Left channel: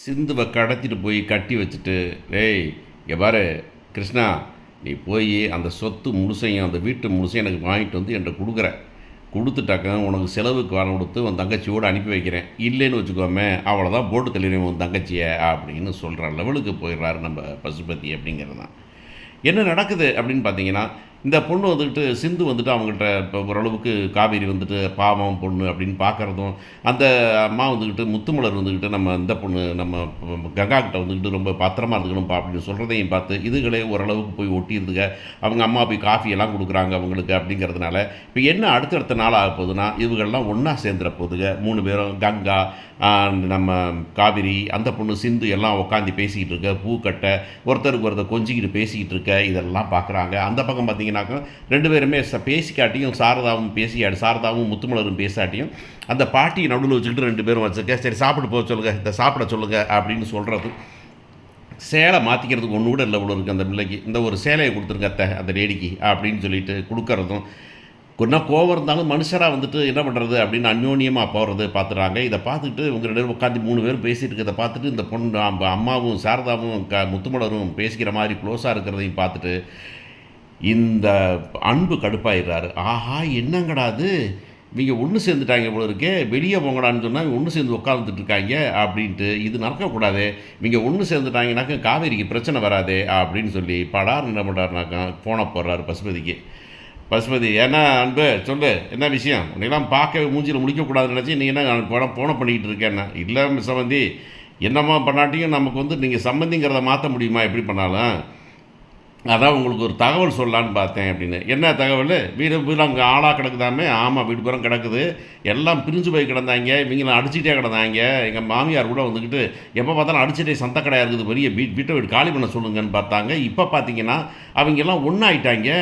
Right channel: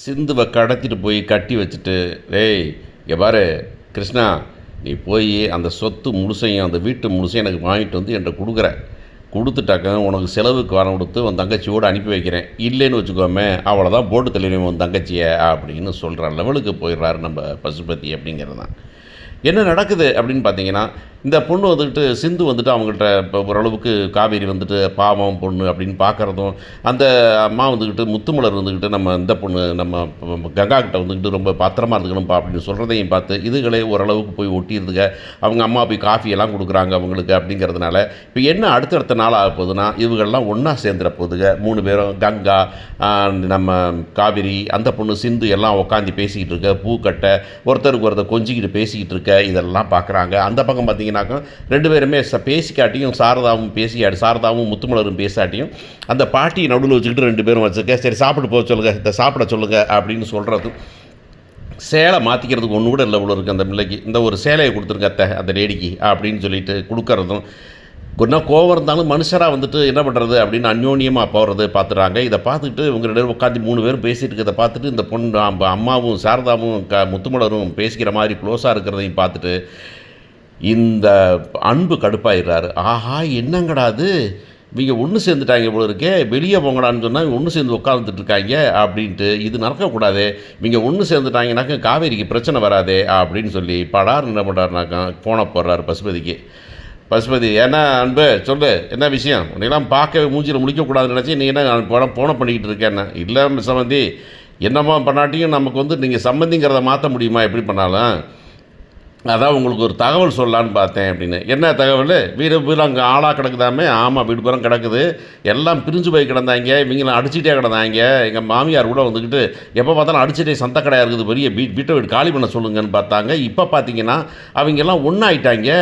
சிந்துவை கடத்திட்டு போய் கட்டி வச்சுட்டு, "டேய் இங்கே பாரு கிருஷ்ணா, நீ போய் அந்த சொத்து முழுசையும் அந்த வீட்டு முழுசையும் எனக்கு வாங்கிட்டு வந்து என்கிட்ட கொடுக்குற. கொடுத்துட்டாக்க உனக்கு செலவுக்கு பணம் கொடுத்து உன் தங்கச்சியோடு அனுப்பி வைக்கிறேன். இல்லைன்னு வச்சுக்கோமே அவ்வளோதான், போட்டு தள்ளிடுவேன் உன் தங்கச்சியை" அப்படின்னு சொல்கிற லெவலுக்கு போயிடுறாரு நம்ம பசுபதி. அப்படிங்கிறது தான் என்ன நடக்குது அப்படின்னு பார்த்தீங்கன்னா, இந்த பொண்ணு வந்துக்கிட்டு சிந்து வந்துட்டு அவங்கள்ட்ட இப்போ ஓரளவுக்கு காவேரி வந்துட்டு பாவம் பொண்ணு அப்படின்னு பார்க்குறதும், அந்த அம்மா வந்துக்கிட்டு முத்துமலர் வந்துக்கிட்டு நம்ம இந்த பொண்ணு நம்ம கங்கா கிட்ட வந்துக்கிட்டு ரொம்ப பத்திரமா இருந்துக்கணும்ப்பா அப்படின்னு சொல்கிறதையும் பார்த்து இதுகளே ஓரளவுக்கு போய் ஒட்டிடுதுங்க. அவங்க அம்மா போய் காஃபியெல்லாம் கொடுக்குறாங்க அவங்களுக்கு. அப்படிங்கிறதுனால இப்போ என்ன அடுத்தடுத்த நாள் ஆக போகுதுன்னா, இவங்கள்லாம் ஒன்றா சேர்ந்துட போகுதுங்க. 3 பேரும் கங்கா, நம்ம காவேரி, அந்த பொண்ணு சிந்து எல்லாம் உட்காந்து பேசிக்கிட்டு இருக்க, பூக்கட்டை ஒருத்தருக்கு ஒருத்தர் கொஞ்சிக்கிட்டு பேசிக்கிட்டு இருக்க, இதெல்லாம் பார்க்குறாங்க. அந்த பக்கம் பார்த்தீங்கன்னாக்கா 2 பேருமே பேசிக்காட்டியும் சாரதாவும் முத்துமலரும் பேசாட்டியும் அந்த பாட்டியை நடுவில் வச்சுக்கிட்டு 2 பேரும் வச்சுருக்க, சரி சாப்பிட்டு போக சொல்லுங்கள், இந்த சாப்பிட சொல்லுங்கள் அப்படின்னு சொல்கிறது. சேலை மாற்றிக்கிறதுக்கு ஒன்று கூட இல்லை இவ்வளோ இருக்குது அந்த பிள்ளைக்கு. இந்த ஒரு சேலையை கொடுத்துருங்க அத்தை அந்த லேடிக்கு அப்படின்னு சொல்லிட்டு கொடுக்கறதும், இன்னும் கோவம் இருந்தாலும் மனுஷராக வந்துட்டு என்ன பண்ணுறது அப்படின்னு அந்யோன்யமாக போகிறது பார்த்துறாங்க. இதை பார்த்துக்கிட்டு இவங்க 2 பேரும் உட்காந்து 3 பேரும் பேசிகிட்டு இருக்கிறத பார்த்துட்டு இந்த பொண்ணு அம்மாவும் சாரதாவும் முத்துமலரும் பேசிக்கிற மாதிரி க்ளோஸாக இருக்கிறதையும் பார்த்துட்டு இந்த அன்பு கடுப்பாயிடுறாரு. ஆஹா என்னங்கடா அது, இவங்க ஒன்று சேர்ந்துட்டாங்க போல இருக்கே, வெளியே போங்கடான்னு சொன்னால் ஒன்று சேர்ந்து உட்காந்துட்டு இருக்காங்க அப்படின்ட்டு, இது நடக்கக்கூடாது, இவங்க ஒன்று சேர்ந்துட்டாங்கனாக்கா காவேரிக்கு பிரச்சனை வராதே அப்படின்னு சொல்லி படார் என்ன பண்ணுறாருனாக்கா ஃபோனை போடுறாரு பசுபதிக்கு. பசுபதி, ஏன்னா அன்பு சொல்லு என்ன விஷயம், உன்னையெல்லாம் பார்க்க மூஞ்சியில் முடிக்கக்கூடாதுன்னு நினச்சி நீ என்ன போனை பண்ணிக்கிட்டு இருக்கேன்னா, இல்லை சம்பந்தி என்னம்மா பண்ணாட்டியும் நமக்கு வந்து நீங்கள் சம்பந்திங்கிறத மாற்ற முடியுமா எப்படி பண்ணாலும், அதான் உங்களுக்கு ஒரு தகவல் சொல்லலான்னு பார்த்தேன் அப்படின்னு. என்ன தகவல், வீடு வீடு அங்கே ஆளாக கிடக்குதாமே. ஆமாம் வீடு பூரா கிடக்குது, எல்லாம் பிரிஞ்சு போய் கிடந்தாங்க, இவங்களாம் அடிச்சுட்டே கிடந்தாங்க. எங்கள் மாமியார் கூட வந்துக்கிட்டு எப்போ பார்த்தாலும் அடிச்சுட்டே சந்த கடையாக இருக்குது, பெரிய வீட்டை வீடு காலி பண்ண சொல்லுங்கன்னு பார்த்தாங்க. இப்போ பார்த்தீங்கன்னா அவங்கெல்லாம் ஒன்றாயிட்டாங்க.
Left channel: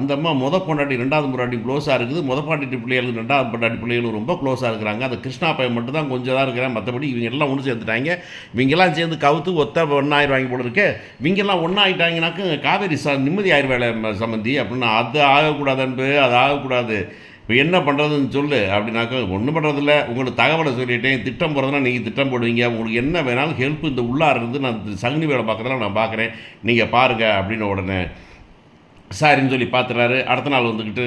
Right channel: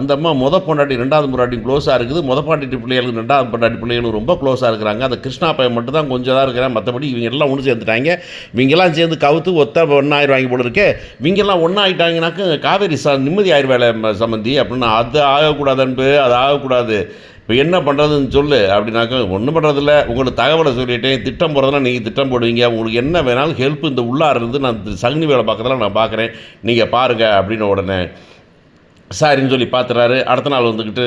அந்த அம்மா பொண்டாட்டி 2வது பொண்டாட்டி க்ளோஸாக இருக்குது, பாட்டி பிள்ளைகளுக்கு 2வது பொண்டாட்டி பிள்ளைகளும் ரொம்ப க்ளோஸாக இருக்கிறாங்க. அந்த கிருஷ்ணா பையன் மட்டும் தான் கொஞ்சம் தான் இருக்கிறேன், மற்றபடி இவங்க எல்லாம் ஒன்று சேர்ந்துட்டாங்க. இவங்கெல்லாம் சேர்ந்து கவுத்து ஒன்றாயிரம் போல இருக்கு. இவங்கெல்லாம் ஒன்றாயிட்டாங்கனாக்க காவேரி நிம்மதி ஆயிடுவேலை சம்பந்தி அப்படின்னு. அது ஆகக்கூடாது அன்பு, அது ஆகக்கூடாது. இப்போ என்ன பண்ணுறதுன்னு சொல்லு அப்படின்னாக்கா, ஒன்றும் பண்ணுறதில்ல, உங்களுக்கு தகவலை சொல்லிட்டேன், திட்டம் போடுறதுனா நீங்கள் திட்டம் போடுவீங்க, உங்களுக்கு என்ன வேணாலும் ஹெல்ப் இந்த உள்ளார இருந்து நான் சகுனி வேலை பார்க்குறதெல்லாம் நான் பார்க்குறேன், நீங்கள் பாருங்கள் அப்படின்னு உடனே சரின்னு சொல்லி பார்த்துறாரு. அடுத்த நாள் வந்துக்கிட்டு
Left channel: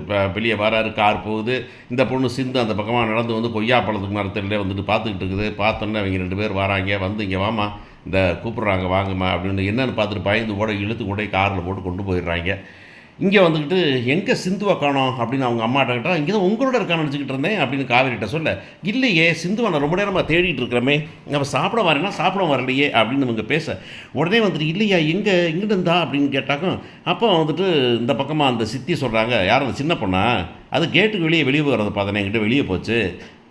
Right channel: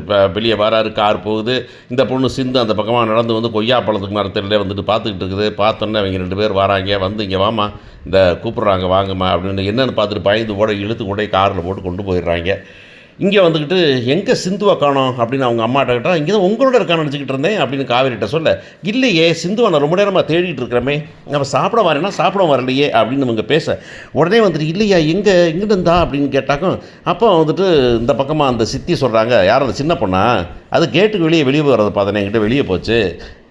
இப்போ வெளியே வராரு, கார் போகுது. இந்த பொண்ணு சிந்து அந்த பக்கமாக நடந்து வந்து கொய்யா பழத்துக்கு மரத்திலே வந்துட்டு பார்த்துக்கிட்டு இருக்குது. பார்த்தோன்னே அவங்க 2 பேர் வராங்க, வந்து இங்கே வாமா இந்த கூப்பிட்றாங்க வாங்கம்மா அப்படின்னு என்னென்னு பார்த்துட்டு பயந்து கூட இழுத்து கொண்டே காரில் போட்டு கொண்டு போயிடுறாங்க. இங்கே வந்துக்கிட்டு எங்கே சிந்துவை காணோம் அப்படின்னு அவங்க அம்மாட்ட கேட்டால், இங்கே தான் உங்களோட இருக்கான்னு நினச்சிக்கிட்டு இருந்தேன் அப்படின்னு காவேரிட்ட சொல்ல, இல்லையே சிந்துவை நான் ரொம்ப நேரமாக தேடிட்டு இருக்கிறமே, நம்ம சாப்பிட வரேன்னா சாப்பிட வரலையே அப்படின்னு இவங்க பேச, உடனே வந்துட்டு இல்லையா எங்கே இருந்தா அப்படின்னு கேட்டாக்கும், அப்போ வந்துட்டு இந்த பக்கமாக அந்த சித்தி சொல்கிறாங்க, யார் அந்த சின்ன பொண்ணா, அது கேட்டுக்கு வெளியே போகிறத பார்த்தேன், என்கிட்ட வெளியே போச்சு,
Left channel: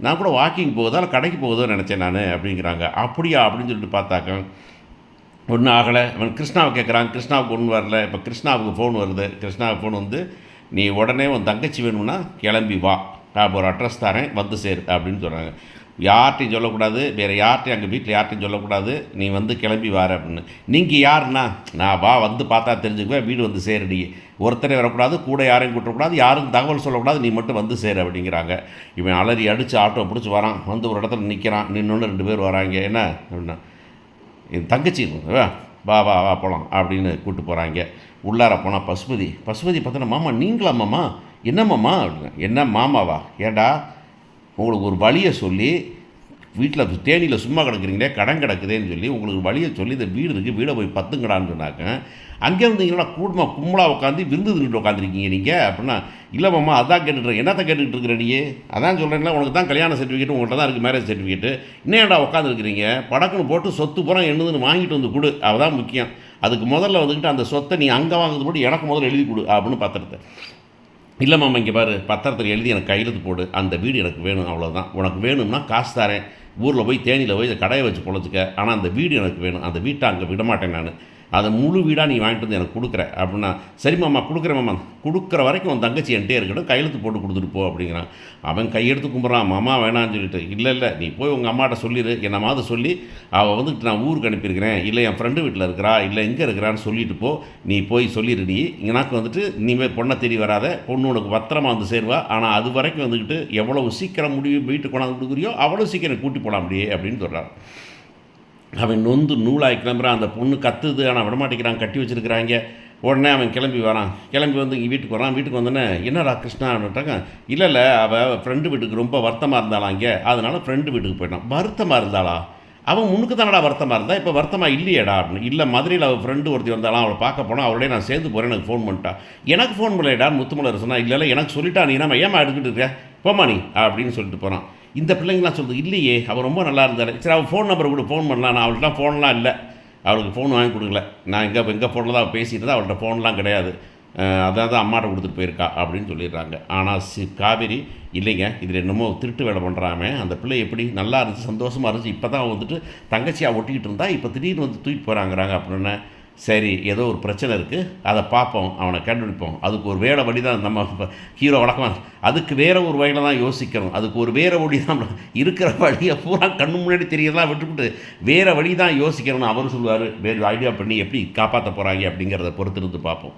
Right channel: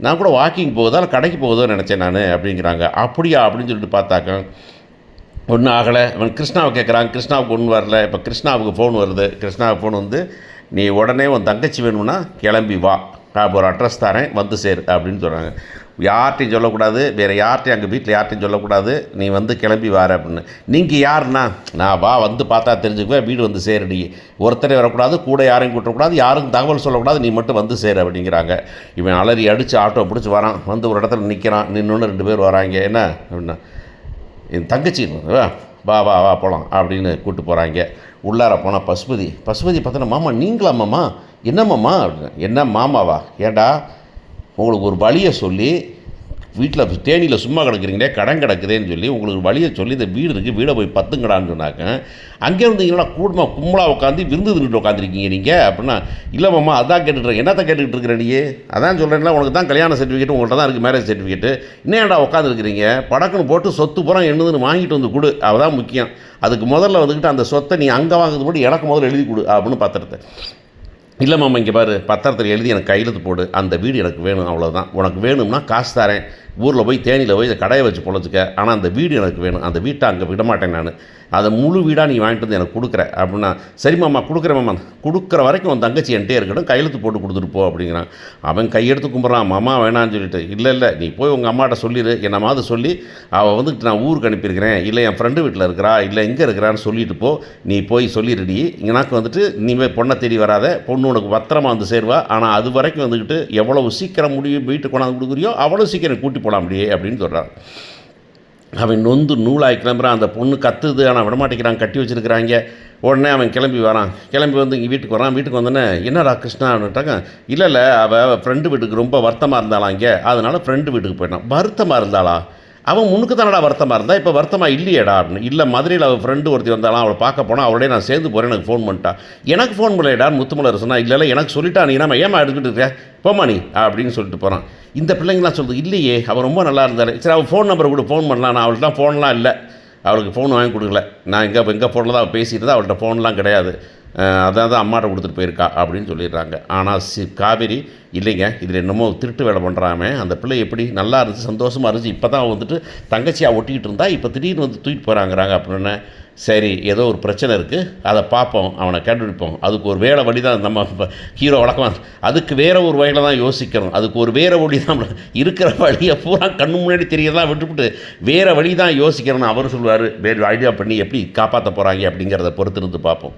நான் கூட வாக்கிங் போகுதா இல்லை கடைக்கு போகுதோன்னு நினச்சேன் நான் அப்படிங்கிறாங்க. அப்படியா அப்படின்னு சொல்லிட்டு பார்த்தாக்க ஒன்றும் ஆகலை. அவன் கிருஷ்ணாவை கேட்குறான், கிருஷ்ணாவுக்கு ஒன்றும் வரல. இப்போ கிருஷ்ணாவுக்கு ஃபோன் வருது. கிருஷ்ணாவுக்கு ஃபோன் வந்து, நீ உடனே உன் தங்கச்சி வேணும்னா கிளம்பி வா, நான் ஒரு அட்ரஸ் தரேன் வந்து சேரு அப்படின்னு சொல்கிறாங்க. யார்கிட்டையும் சொல்லக்கூடாது, வேறு யார்கிட்டையும் அங்கே வீட்டில் யார்கிட்டையும் சொல்லக்கூடாது, நீ வந்து கிளம்பி வார அப்படின்னு. நீங்கள் யாருன்னா, நான் வா வந்து பார்த்தா தெரிஞ்சுக்குவேன், வீடு வந்து சேருடி, ஒருத்தரே வரக்கூடாது, கூட யாரையும் கூட்டக்கூடாது, யாருக்கும் தகவல் சொல்லக்கூடாது, நீ மட்டும் வந்து சேரு அப்படிங்கிறாங்க. இவன் அலறி அடித்து ஆட்டோ பிடிச்சி வரான், வந்து ஒரு இடத்துல நிற்கிறான், நின்று 2 பேர் வராங்க. என்ன அப்படின்னா, என் தங்கச்சி வா வா வா போகலாம் அப்படின்னு கூப்பிட்டு போகிறாங்க. உள்ளார போனால் பசுபதி பார்த்தோன்னா, மாமா நீங்களா மாமா, என்ன மாமா அப்படின்னா, என்ன மாமாவா, ஏண்டா உங்களுக்கு ஒரு வழியை சொல்லி வீட்டில் தேனியில் சும்மா கிடக்குறீங்களே, கடன் கிடக்குதேன்னு சொல்லி உங்களுக்கு வழியை சொல்லி இந்த வீடு இருக்குது, வீடை போய் பத்துங்கடான்னு சொன்னாக்க, அங்கே இருந்தீங்களா கூடுமா கும்பலாக உட்காந்து விருந்து தின்னுட்டு உட்காந்துருக்கீங்க நீங்கள் அப்படின்னா, இல்லை மாமா அதான் கேட்டுட்ருக்கேன். என்னத்தை கேட்டுக்கிட்டு இருக்கிற நீ, அதான் சொல்கிறேன்ல உனக்கு தான் கல்யாண சர்டிஃபிகேட் உங்கள்கிட்ட தான் இருக்குது, மேரேஜ் சர்டிஃபிகேட்டு, இன்னேடா உட்காந்துருக்கிறீங்க, படக்குன்னு போட்டு சொத்து பூரா என்னதுன்னு வாங்கிட்டு வந்து கொடு, அதுதான் முக்கியம். அதுக்கு முதல்ல வந்துக்கிட்டு அந்த சொத்தை நீ அங்கே வாங்குறது போட்டு எனக்கு முதல்ல எழுதி கொடு அப்படின்னு பத்திரத்தை. இல்லை மாமா இங்கே பாரு, பத்திரத்தில் எழுதி எனக்கு கையெழுத்து போடு, அந்த வீடு எனக்கு வேணும், அவ்வளோதான். உனக்கு வேணும்னா காசு தரேன், ஊரில் போய் தேனியில் போய் கடையை வச்சு பொழைச்சிக்க, ஆனால் அந்த வீடு எனக்கு வேணும், அந்த வீட்டை அங்கே விட மாட்டேன் நான், அதை முழு வீடாக நீ வாங்கிட்டு வந்து எனக்கு கொடுக்குற அப்படின்னா, சரி மாமா கொடுக்குறேன் மாமா, கொடுக்குற வரைக்கும் உன் தங்கச்சி என்கிட்டே இருக்கட்டும், கையெழுத்து போட்டு கொடுத்துட்டு போ அப்படிங்கிறான். அவன் கையெடுத்து கும்பிட்றான், மாமா வேணான்னு சொல்லிட்டு, இல்லை நீ போய் உங்கள் அம்மாட்ட சொல்லிடு, என்னமாவது சொல்லி அவள் வந்துட்டு நான் ஊருக்கு அனுப்பியிருக்கிறேன், இல்லை என் ஃப்ரெண்டு வீட்டில் இருக்கிறா, இல்லை எங்கே இருக்கிறான்னு சொல்லிட்டு போ, நீ போய் சொல்லிடுடி, எனக்கு வந்துட்டு இனிமேல் பொண்ணை தேடி வராத, பொண்ணு உனக்கு பத்திரமா வந்து சேருவா, ஆனால் அது வரைக்கும் வந்துக்கிட்டு எவ்வளவு சீக்கிரம் முடியும் வீட்டுக்கு கொண்டாந்து கொடுக்குறியோ அவ்வளோ சீக்கிரம் கூட்டி போகலாம் அப்படியே அப்படின்னு சொல்கிறார். அவன் நொந்து நூலாகி கிளம்புறான். அந்த பொண்ணு கத்துது, ஆனால் விடமாட்டேங்கிறான், கட்டி வச்சுருக்கிறாங்க. உடனே அவன் கிளம்பி வரான். கிளம்பி வந்து இங்கே வீட்டுக்கு வரான். வீட்டுக்கு வந்தோடனே, என்னடா கிருஷ்ணா அப்படின்ட்டாங்க. இல்லை அவள் ஃப்ரெண்டு வீட்டுக்கு ரொம்ப வருத்தமாக இருந்தாளா இங்கே, அதனால் ஃப்ரெண்டு வீட்டுக்கு போயிட்டான். வருத்தமாக இருந்தாளா? அவன் முன்னுக்கு தானடா வருத்தமாக இருந்தா, இப்போ வருத்தமாக இல்லையேடா அப்படின்னு. இல்லை, மதுரையில் அவள் ஃப்ரெண்டு ஒருத்தி வந்தாலும் அவளை பார்க்க போனால் அவளே நான் சேர்ந்து போகிறேன், எனக்கு ஃபோன் பண்ணிட்டா. எனக்கு ஃபோன் பண்ணலையடான்னு முத்துமலர் சொன்னா. இல்லை எனக்கு சொல்லிட்டா, நீ நம்ம ஏமா எடுத்துக்கிட்டு இருக்க, போமா நீ அப்படின்னு சொல்லிட்டு போகிறான். இந்த பிள்ளைங்களாம் சொல்லுது, இல்லையே அவர் ரொம்ப நல்லா இருந்தார், சரி அவள் ஃபோன் நம்பரை கூட ஃபோன் பண்ணலாம். நான் அவள்கிட்ட ஃபோன்லாம் இல்லை, அவளுக்கு ஃபோன் வாங்கி கொடுக்கல, நான் எங்கள் ஃபோனில் தான் அவள் பேசிட்டு தான், அவள்கிட்ட ஃபோன்லாம் கிடையாது, அதான் தான் அம்மாட்ட கொடுத்துட்டு போயிருக்கா அப்படின்னு சொல்லிடுறாங்க. ஆனால் காவேரி, இல்லைங்க இதில் என்னமோ திருட்டு வேலை பண்ணுறாமே, அந்த பிள்ளை எப்படி நல்லா இருந்துச்சு, சந்தோஷமாக இருந்துச்சு, இப்போ தான் வந்துட்டு தங்கச்சியாக ஒட்டிக்கிட்டு இருந்தா, இப்போ திடீர்னு வந்து தூக்கிட்டு போகிறாங்கிறாங்க அப்படின்னு. சரி, ஏதோ ஒரு பிரச்சனை இருக்குது, அதை பார்ப்போம், அவனை கண்டுபிடிப்போம், அதுக்கு ஒரு வேற வழி தான் நம்ம ஹீரோ வழக்கம், அதுக்கு வேறு ஒரு வழியில் தான் யோசிக்கணும், அதுக்கு ஒரு வேறு வழி தான், இருக்கிற வழியை பூரா கண்ணு முன்னாடி தெரியலாம் விட்டுவிட்டு வேறு வழி தான் யோசிக்கணும்னு அவர் சொல்லுவார். வேறு ஐடியா பண்ணி எப்படி காப்பாற்ற போகிறாங்க அப்படிங்கிறத பொறுத்திருந்து பார்ப்போம்.